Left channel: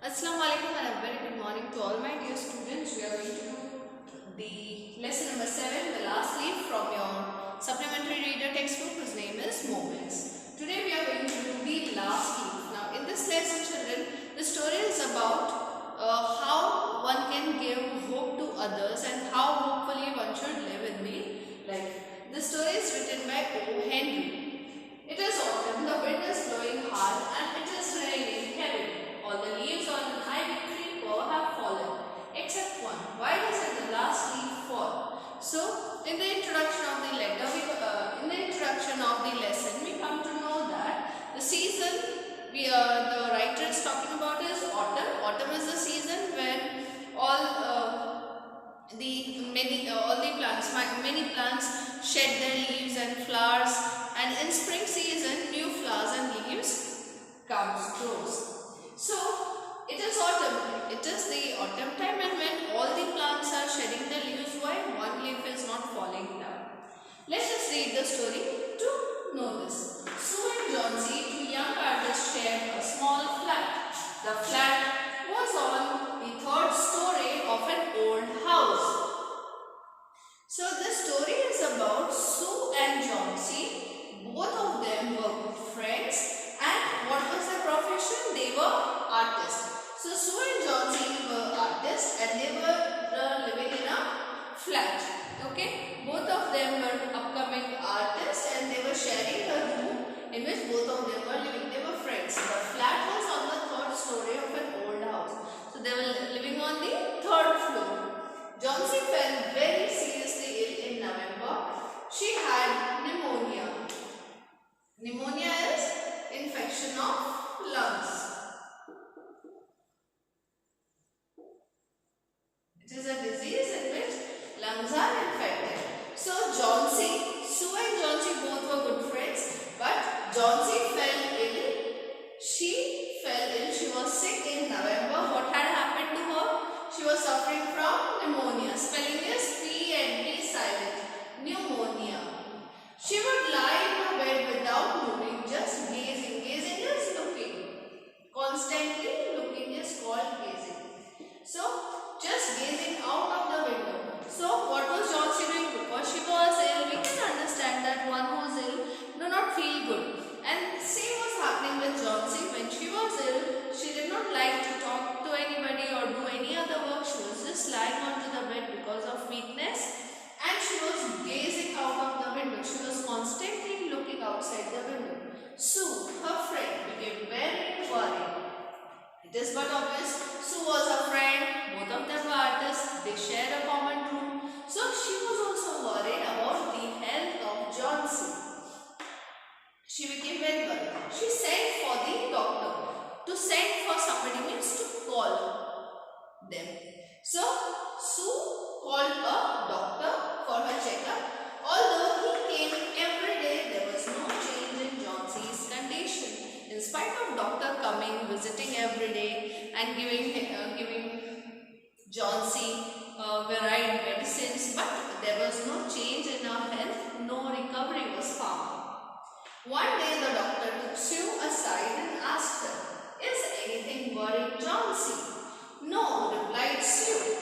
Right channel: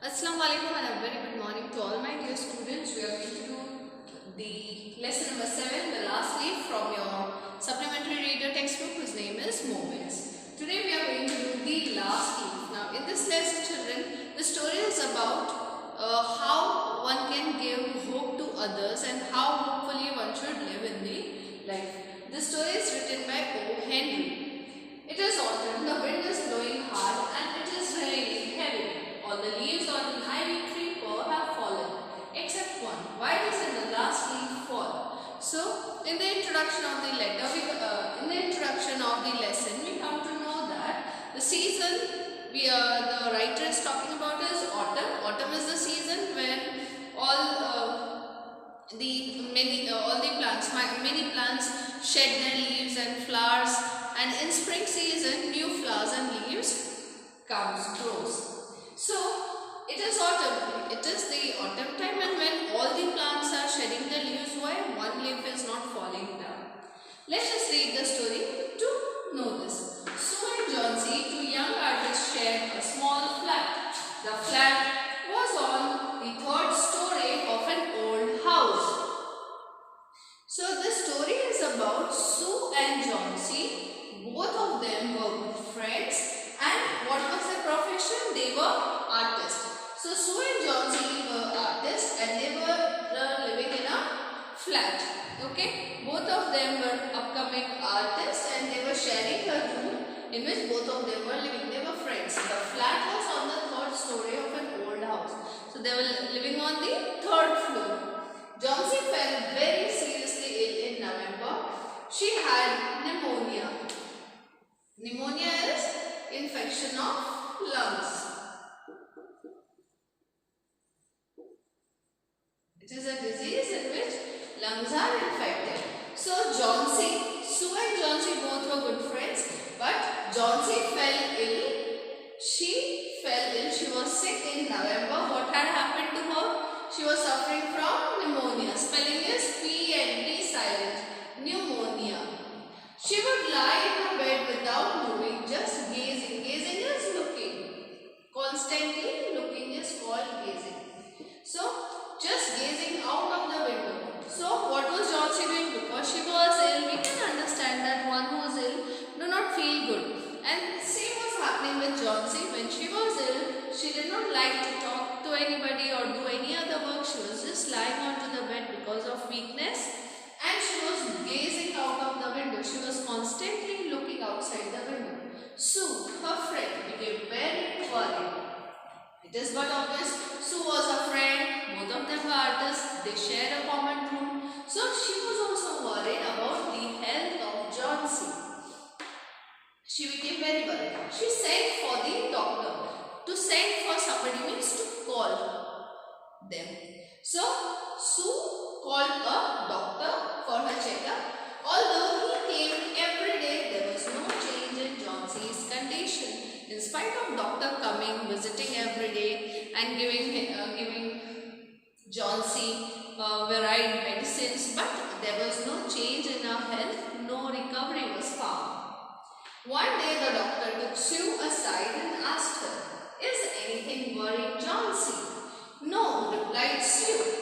Assalamu alaikum and a very good morning to all my dear students. We are going to do the lesson number 7, the last leaf from your supplementary reader textbook whose name is Moments. Today we are going to do the last leaf. Now in this lesson children, the story is about how one can give hope to others and how hopefully one should live in the life. The story is written by O. Henry. It is autumn, the wind is blowing hard and it is raining heavily. All the leaves on an ivy creeper have fallen, except one. Why doesn't the last leaf fall? So, in the introduction of the lesson, we come to know that the season the writer is talking about is autumn. Autumn is the season when many plants shed their leaves and flowers, and in spring season, new flowers and leaves grows. So, it is autumn. It is the autumn time, and when all the plants are shedding their leaves, why one leaf is not falling down? Let's just read the story to know this. Sue and Johnsy, two young artists, shared a small flat. The flat was on the third story of an old house. So, the story is about Sue and Johnsy. Both of them were good friends. And what was their profession? They were artists. So Sue and Johnsy were artists and they were living in a flat. Okay, both of them were upcoming artists and they were sharing a room in which both of them were living. They were friends. The flat was on the third story of an old house. So they were living on the third floor. Johnsy fell very seriously ill in November. She had pneumonia. Pneumonia is infection of lungs. It is a disease in which lungs are infected. So Sue and Johnsy both were good friends, but Johnsy fell ill. She fell ill. She was sick in November. What had happened to her? She was suffering from pneumonia. Spelling is P-N-D silent. Pneumonia. She would lie in her bed without moving, just gazing. Gazing is looking. Constantly looking is called gazing. So, just gazing out of the window. So, what was Johnsy doing? Because she was ill, we can understand that one who is ill do not feel good. And same was happening with Johnsy. When she was ill, she did not like to talk to anybody or do any other work. She was just lying onto the bed because of weakness. And she was gazing out of the window. She was constantly looking outside the window. Sue, her friend, became very worried. It is but obvious. Sue was a friend. Both of them were artists. They shared a common room. So she was also worried about the health of Johnsy. She became very worried. She sent for the doctor. To send for somebody means to call them. So Sue called a doctor for her checkup. Although he came every day, there was no change in Johnsy's condition. In spite of doctor coming, visiting every day and giving Johnsy varied medicines, but there was no change in her health, no recovery was found. One day the doctor took Sue aside and asked her, "Is anything worrying Johnsy?" "No," replied Sue,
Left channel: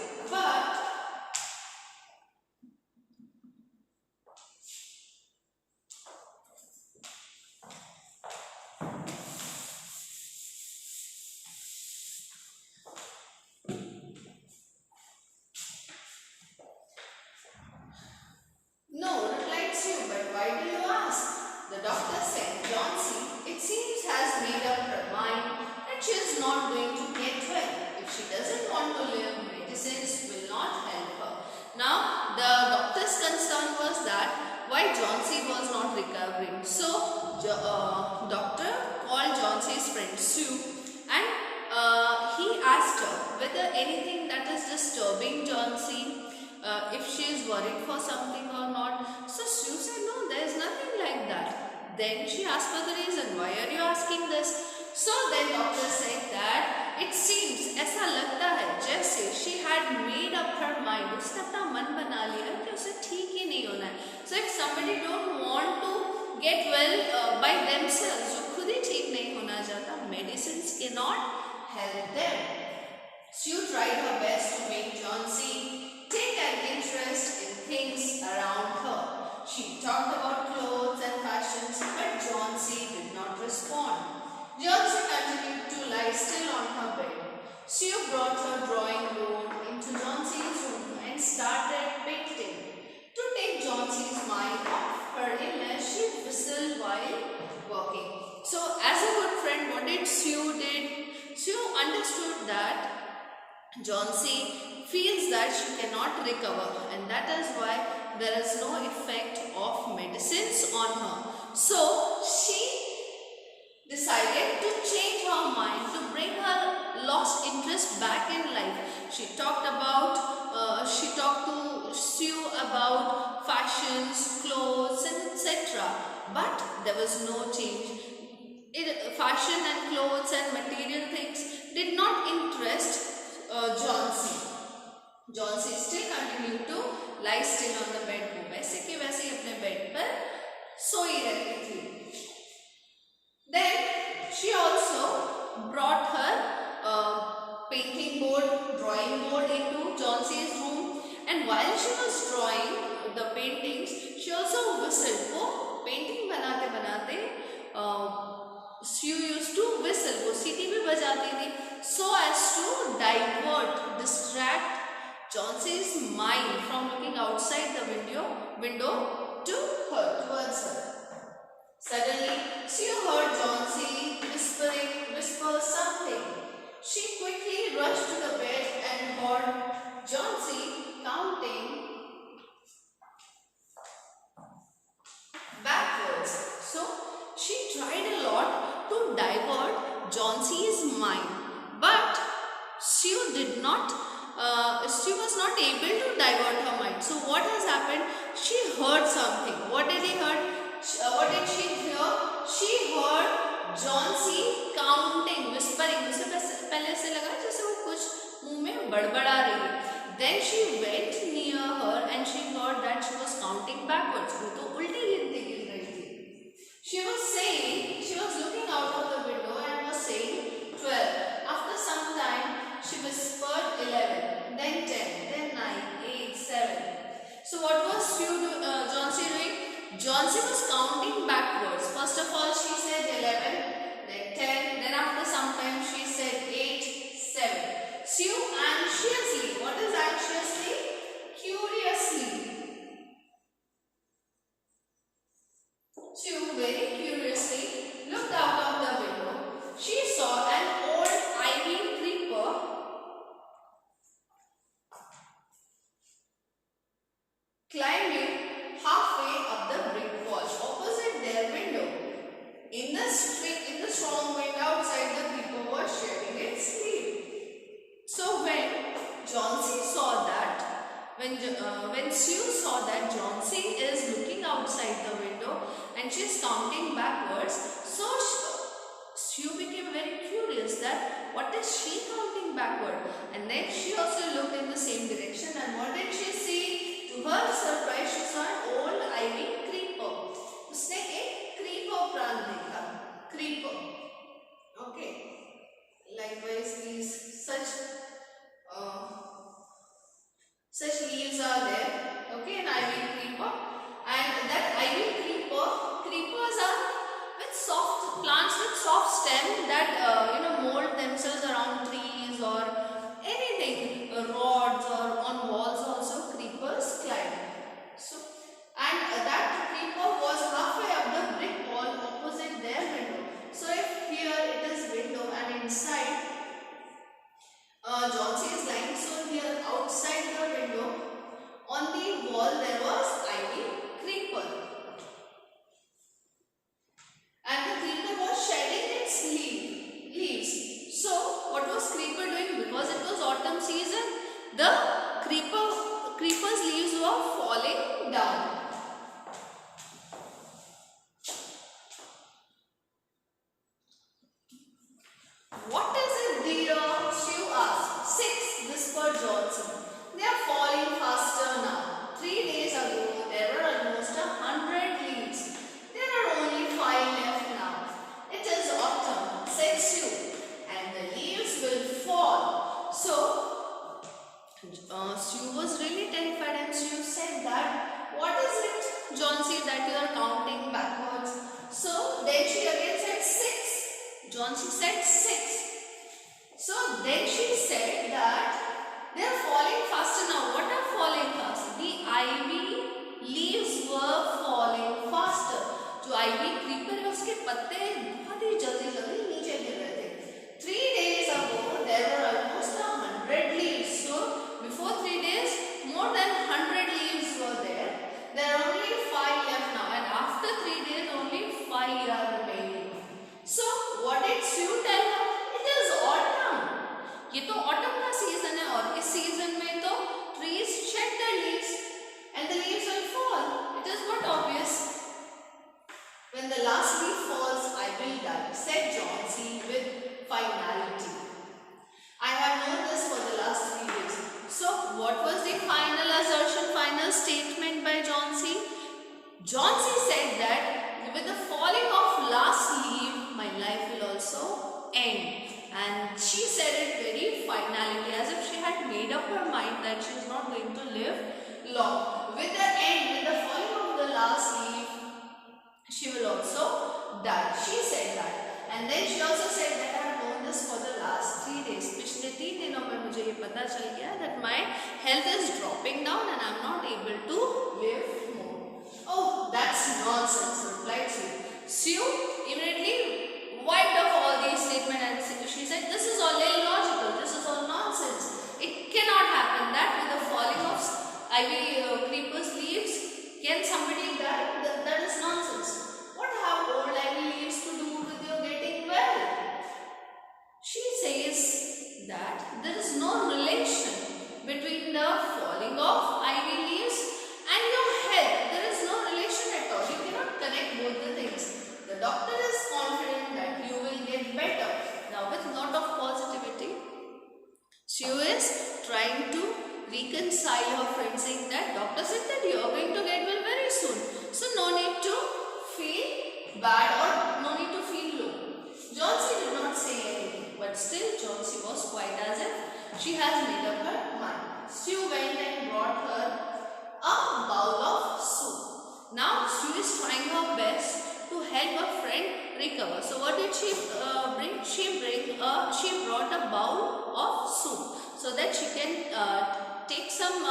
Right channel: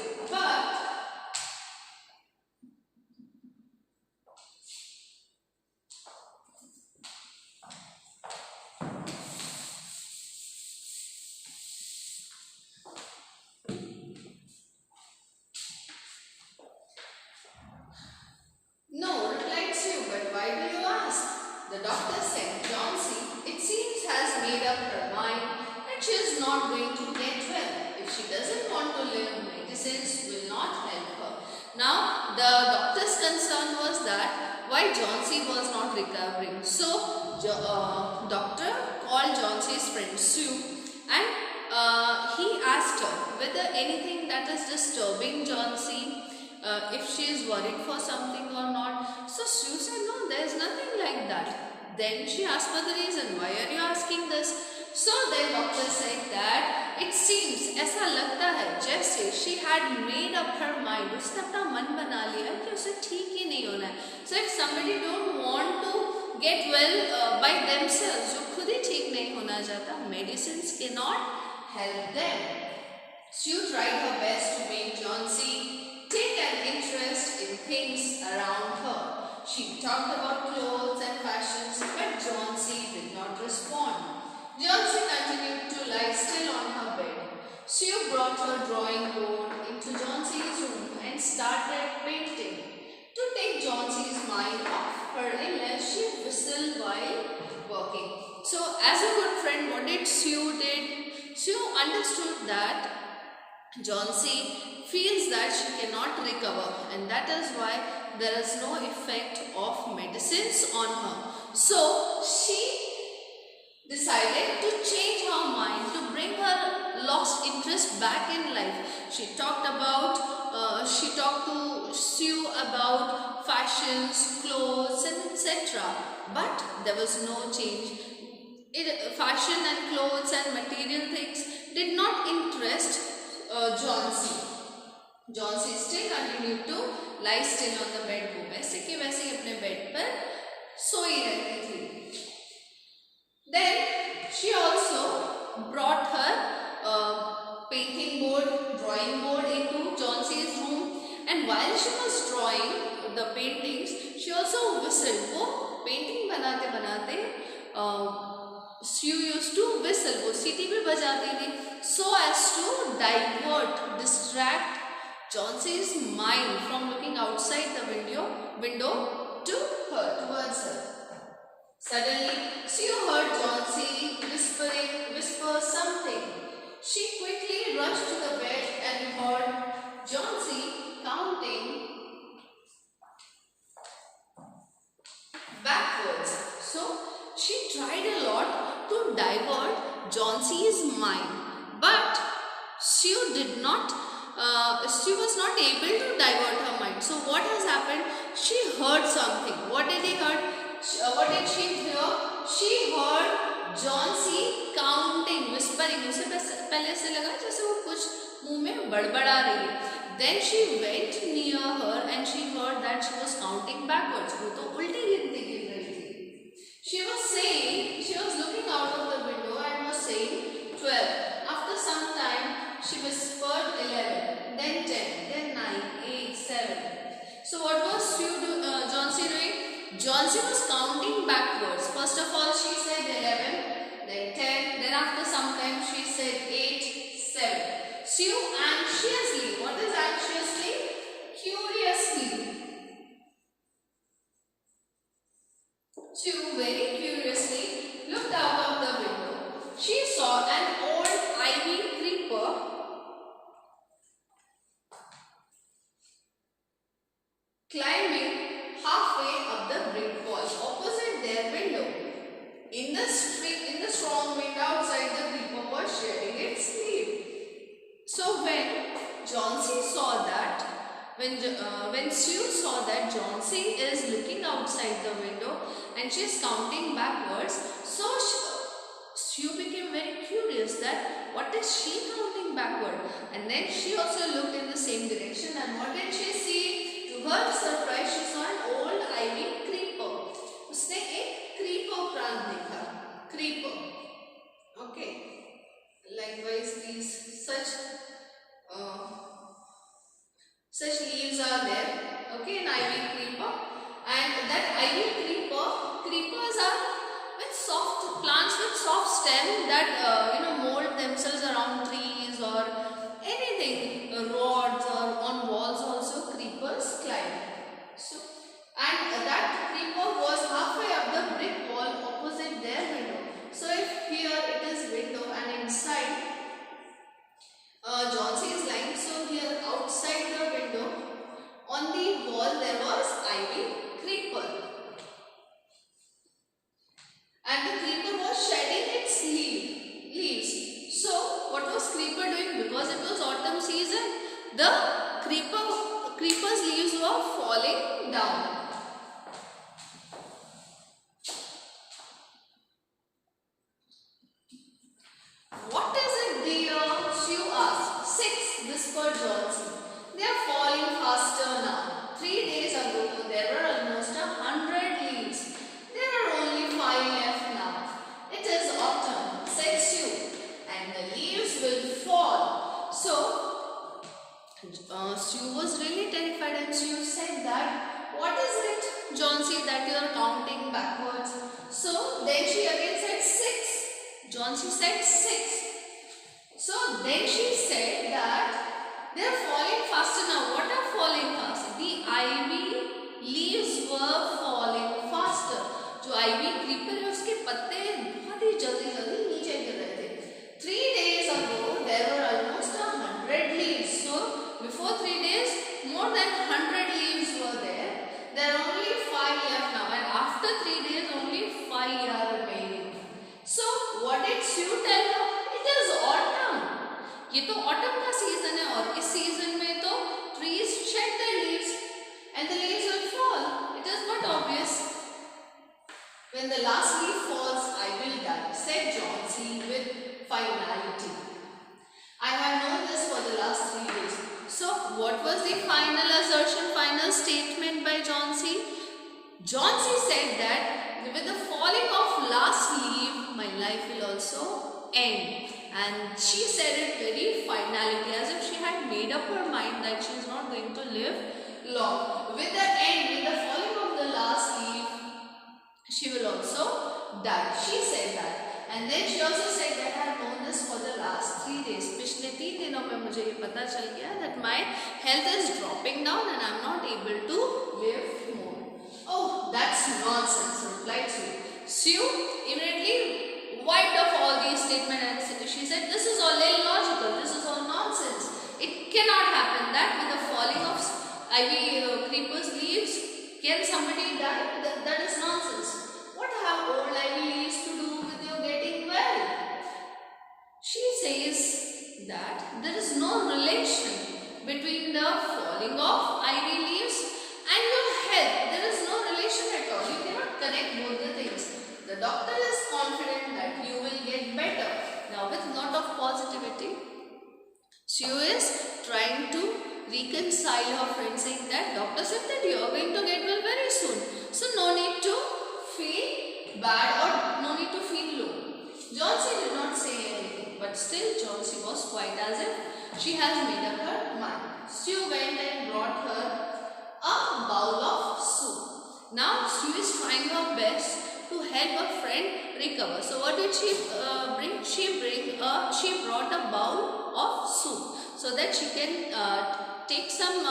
"but why do you ask?" The doctor said, "Johnsy, it seems, has made up her mind that she is not going to get well. If she doesn't want to live, medicines will not help her." Now, the doctor's concern was that why Johnsy was not recovering. So, doctor called Johnsy's friend Sue and he asked her whether anything that is disturbing Johnsy, if she is worried for something or not. So Sue said, "No, there is nothing like that." Then she asked for the reason. "Why are you asking this?" So then doctor said that it seems, ऐसा लगता है जैसे she had made up her mind. उसने अपना मन बना लिया कि उसे ठीक ही नहीं होना है. So if somebody don't want to get well by themselves, जो खुद ही ठीक नहीं होना चाहता, medicines cannot help them. Sue tried her best to make Johnsy take an interest in things around her. She talked about clothes and fashions, but Johnsy did not respond. Johnsy continued to lie still on her bed. Sue brought her drawing board into Johnsy's room and started painting. To take Johnsy's mind off her illness, she whistled while working. So, as a good friend, what did Sue did? Sue understood that Johnsy feels that she cannot recover, and that is why there is no effect of medicines on her. So she decided to change her mind to bring her lost interest back in life. She talked to Sue about fashions, clothes, and etc. But there was no change. Fashion and clothes and material things did not interest Johnsy. Johnsy still continued to lie still on the bed. वो वैसे के वैसे ही अपने bed पर सोई रहती थी. Then she also brought her painting board, drawing board into Johnsy's room, and while she was drawing the paintings, she also whistled. वो painting बनाते बनाते Sue used to whistle. वो सीटी भी बजाती थी, so as to distract Johnsy's mind from looking outside the window to her, towards her. Suddenly, Sue heard Johnsy whisper something. She quickly rushed to the bed and heard Johnsy counting backwards. So, she tried a lot to divert Johnsy's mind, but Sue was not able to divert her mind. So what has happened? She heard something. What did she hear? She heard Johnsy counting, whispering. उसे पहले ऐसे लगा जैसे वो कुछ मुंह में बड़बड़ा रही है. Then she went near her and she heard that she was counting backwards. वो तो उल्टी गिनती गिन रही थी. She was looking out of the window and was saying 12. After some time, she whispered 11, then 10, then 9, 8, 7. So what was Johnsy doing? Johnsy was counting backwards. First of all, she said 11, then 10, then after some time she said 8, 7. Sue anxiously. What is anxiously? Curiously. Sue very curiously looked out of the window. She saw an old ivy creeper climbing halfway up the brick wall opposite their window. In the strong wind outside, the creeper was shedding its leaf. So when Sue saw that Johnsy is looking outside the window and she is counting backwards, so Sue became very curious that what is she counting backward? And then she also looked in the same direction, and what did she see? To her surprise, she saw an old ivy creeper. उसने एक creeper plant देखा. Creeper. Okay. Likewise, such leaves are there. Okay, an ivy creeper. And that ivy creepers are soft plants with soft stem that mold themselves around trees or anything, rods or on walls also creepers climb. So, and that creeper was halfway up the brick wall opposite their window. So if here it is window and inside Johnsy is lying, so here outside the window on the wall there was ivy creeper. And the creeper was shedding its leaves. So, what was creeper doing? Because it was autumn season, the creeper's leaves were falling down. What is it, dear? Sue asked. 6, whispered Johnsy. They are falling faster now. 3 days ago, there were almost 100 leaves. There are only 5 left now. It is autumn, said Sue, and the leaves will fall. So, Sue was really terrified and Sue said that, what is it, Johnsy, that you are counting backwards? So then she again said 6. Johnsy said 6. So then she said that they are falling faster now. What are falling fast? The ivy leaves were falling faster. जो ivy creeper है उसके पत्ते बहुत ही जल्दी जल्दी नीचे गिर रहे थे. 3 days ago there were almost 100 leaves. So before 3 days more than 100 leaves were there. There are only 5 left now, and after 3 days only 5 are remaining. So what did Sue tell her? It is autumn. ये तो autumn का season है और इस season में तो trees shed their leaves and the leaves will fall. It is not obvious. When the last leaf falls, I will die, said Johnsy with finality. I have known this for the last 3 days. So what was the final assertion, final statement by Johnsy? Johnsy said that with the falling of last leaf, my life will also end. And she said it very finality, as if she had made up her mind that she is not going to live long. With the end, with the falling of the last leaf, she will also die. She said that. And then she also said that I have known this for the last 3 days. पिछले 3 दिनों में मुझे ये पता चल गया that my health is dropping down and I am not able to live more. Oh, that's nonsense, replied Sue. Sue immediately wiped off all these statements and she said, this is all illogical, this is all nonsense. It cannot happen that with the falling of ivy creepers leaves, can somebody die? That is nonsense. What have old ivy leaves to do with your getting well? She says that there is no relation between the falling of ivy leaves and your health. There is no relation at all. You cannot connect both the things. The doctor is confident that you will get better. Now with lot of positivity, Sue is trying to reconcile her friend, saying that doctor said that you are going to get well very soon. So no need to feel bad or no need to feel low. Johnsy did not say anything, but still Johnsy was quite as if she has made up her mind. Sue went and brought her a bowl of soup. Now Sue is trying her best to help her friend recover. So what did she bring? She brought a bowl of soup so that she can take some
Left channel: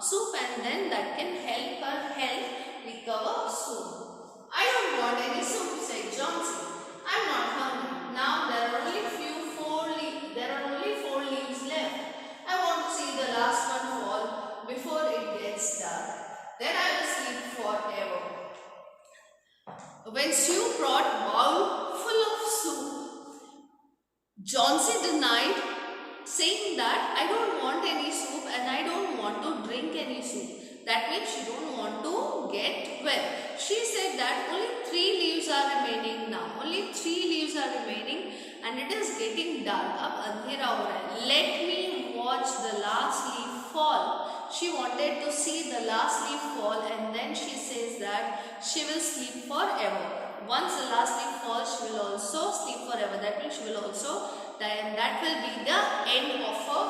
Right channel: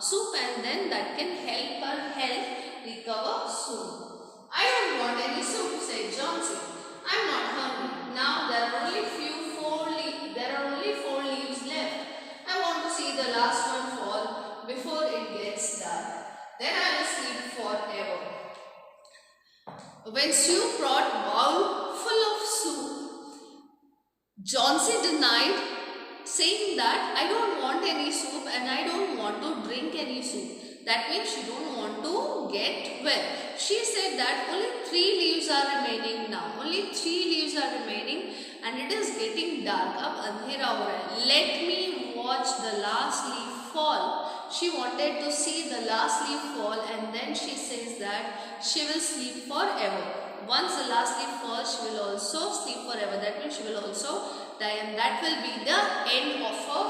soup and then that can help her health recover soon. I don't want any soup, said Johnsy. I'm not hungry. Now there are only four leaves left. I want to see the last one fall before it gets dark. Then I will sleep forever. When Sue brought a bowl full of soup, Johnsy denied, saying that I don't want any soup and I don't want to drink any soup. That means she don't want to get well. She said that only 3 leaves are remaining now. Only 3 leaves are remaining and it is getting dark. Ab andhera ho raha hai. Let me watch the last leaf fall. She wanted to see the last leaf fall and then she says that she will sleep forever. Once the last leaf falls, she will also sleep forever. That means she will also die and that will be the end of her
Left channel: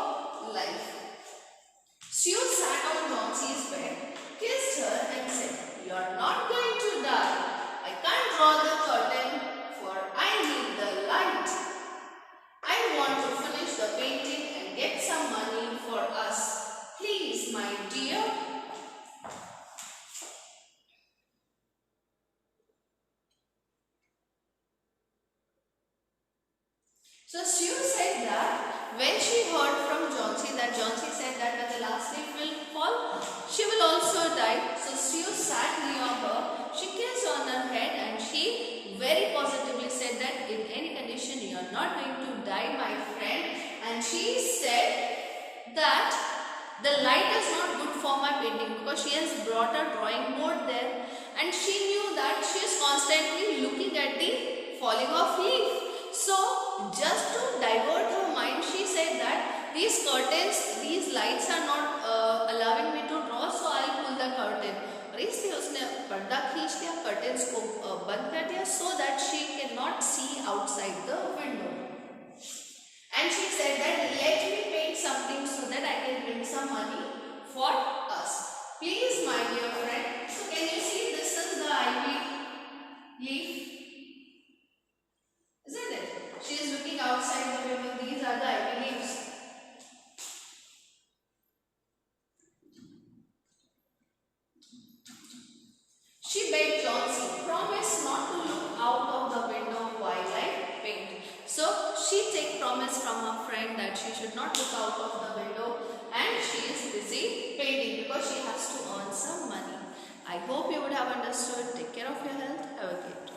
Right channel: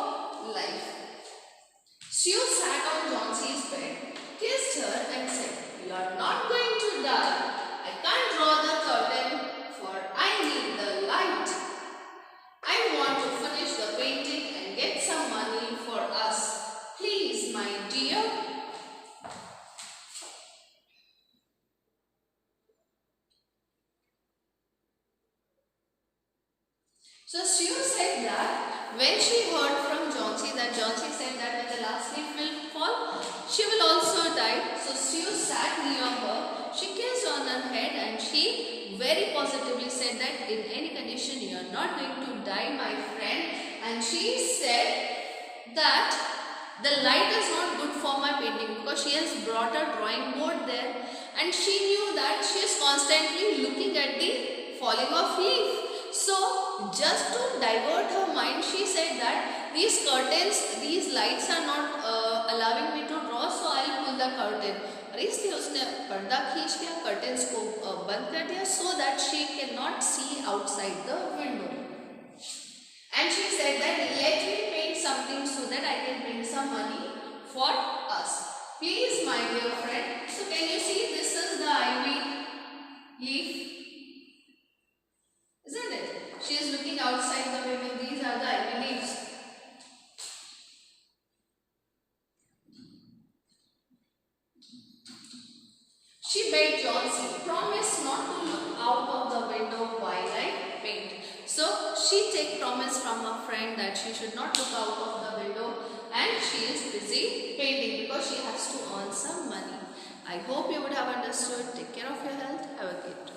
life. Sue sat on Johnsy's bed, kissed her and said, you are not going to die. I can't draw the curtain for I need the light. I want to finish the painting and get some money for us. Please, my dear. So Sue said that when she heard from Johnsy that Johnsy said that when the last leaf will fall, she will also die. So Sue sat near her, she kissed on her head and she very positively said that in any condition you are not going to die, my friend. And she said that the light is not good for my painting because she has brought a drawing board there and she knew that she is constantly looking at the falling of leaf. So just to divert her mind, she said that these curtains, these lights are not allowing me to draw, so I'll pull the curtain. और इसलिए उसने पर्दा खींच लिया, curtains को बंद कर दिया so that she cannot see outside the window. And she said that let me paint something so that I can bring some money for us. Please, my dear friend. So can you see this is the ivy leaf? Isn't it? She is looking outside the window. These are the ivy leaves. She begged Johnsy, promise not to look out of the window while I paint. So she take promise from her friend that she should not look out of the window, and she is busy painting because she has to earn some money. I hope you would have understood. Take care of your health. Have a great day.